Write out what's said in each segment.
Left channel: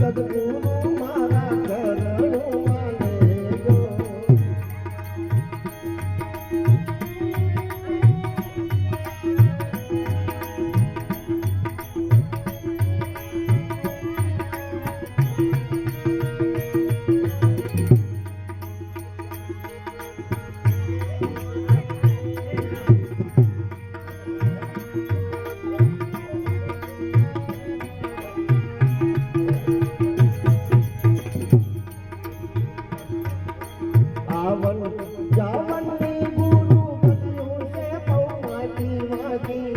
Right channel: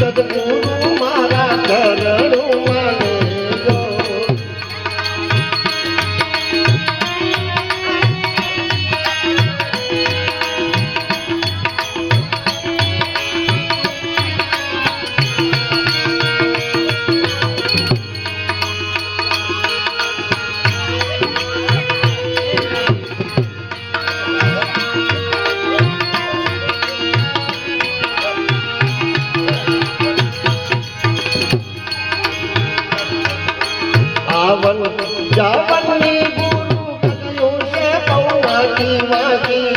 સદગુરુ મારા ચરણું માનેજો. આવન જાવનની ગુરુ કર્યું છે પૌવાકી વાકી.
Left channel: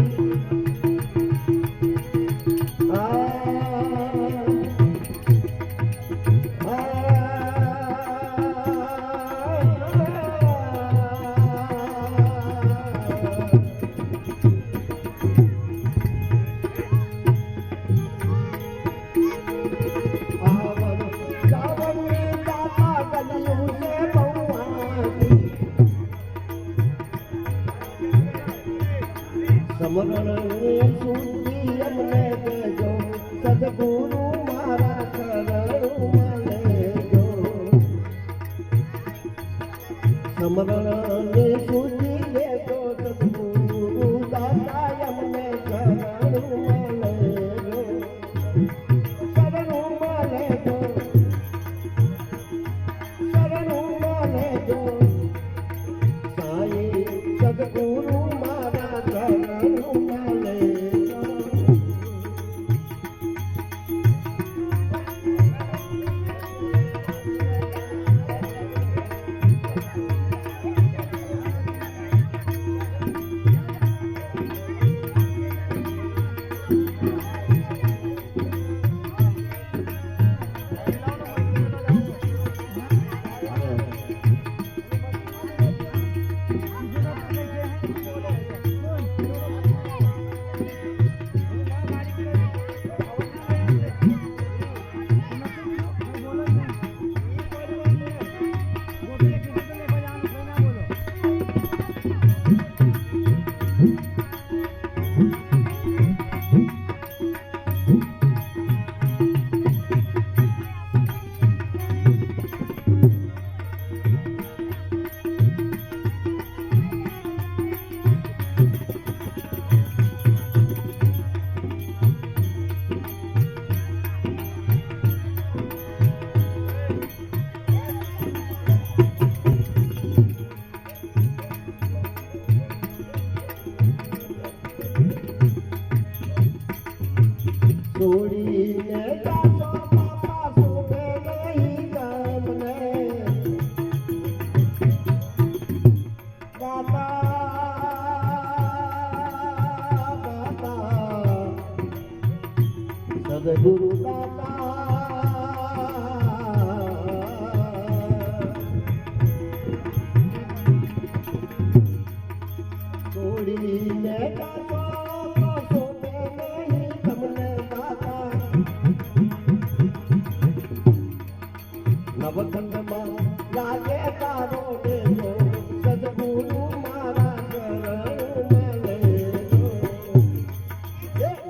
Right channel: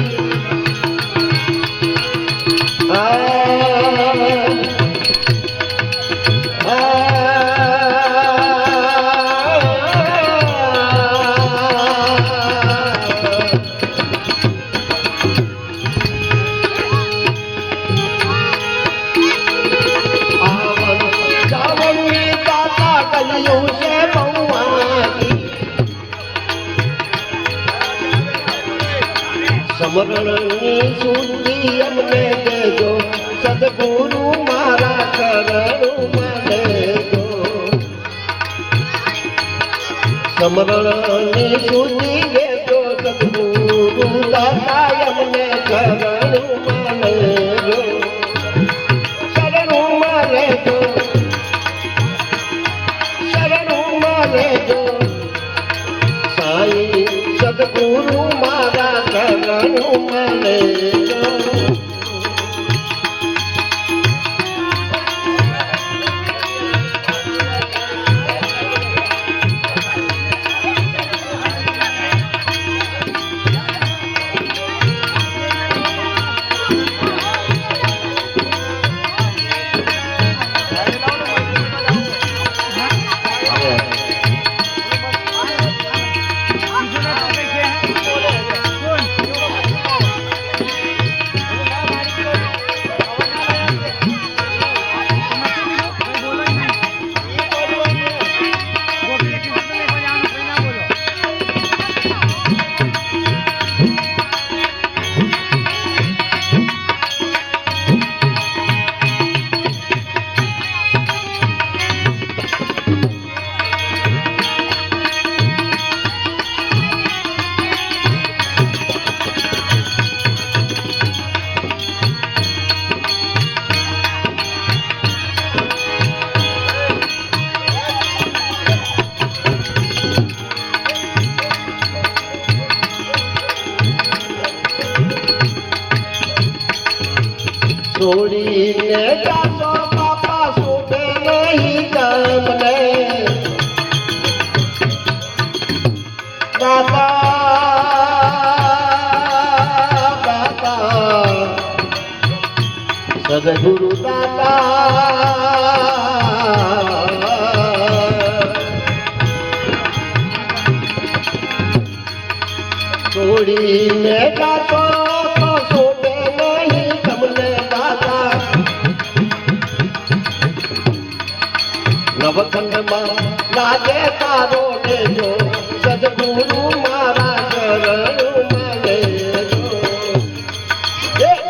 સમરણની સુધી અમને દેજો સદગુરુ મારા ચરણું માનેજો. સમરણની સુધી દેજો સદગુરુ દાતા અમને ચરણું માનેજો. શરણું માનેજો, શરણું માનેજો સાઈ સદગુરુ મારા ચરણું માનેજો. છોડીને જાશો બાપા શોભે નહીં ગામને. દાદા દાદા સદગુરુ દાદા છોડીને જાશો નવખંડમાં લાગે તારો લેજો સદગુરુ મારા ચરણું માનેજો.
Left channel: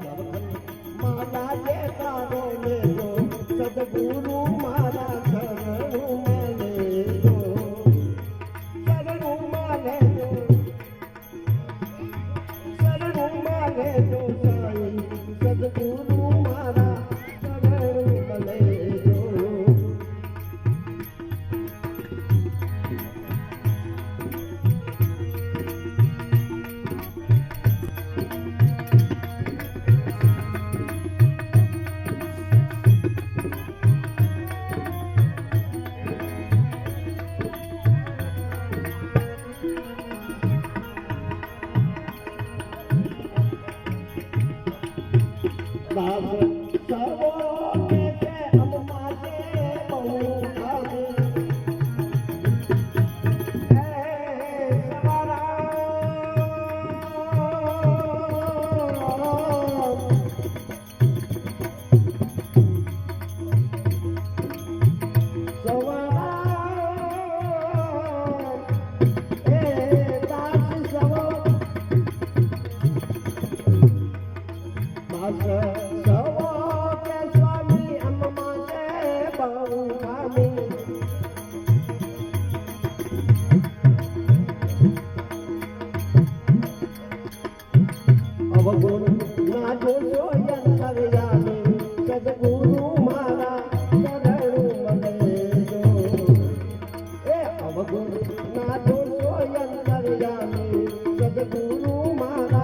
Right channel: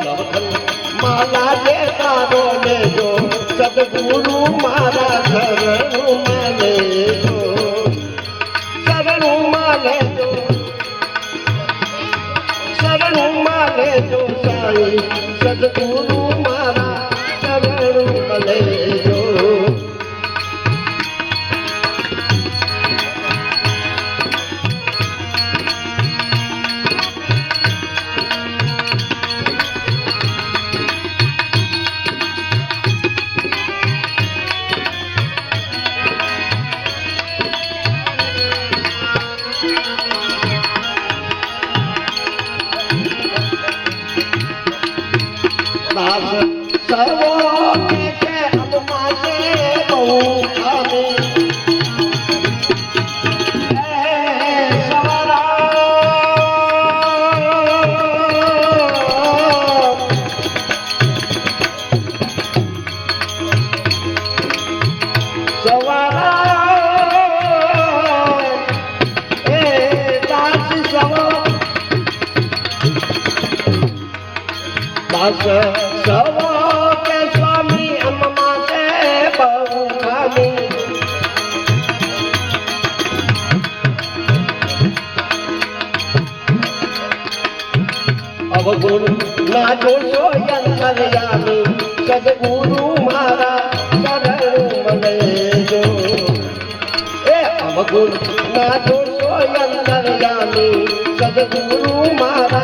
નવખંડમાં લાગે તારો લેજો સદગુરુ મારા ચરણું માનેજો. શરણું માનેજો, શરણું દાસ સવો કે સ્વામી અમ્મા તે બહુ ખામી અવગુણ ના જોશો અંતર્યામી સદગુરુ મારા શરણું મને જો એ અવગુણ ના જોશો અંતર્યામી સદગુરુ મારા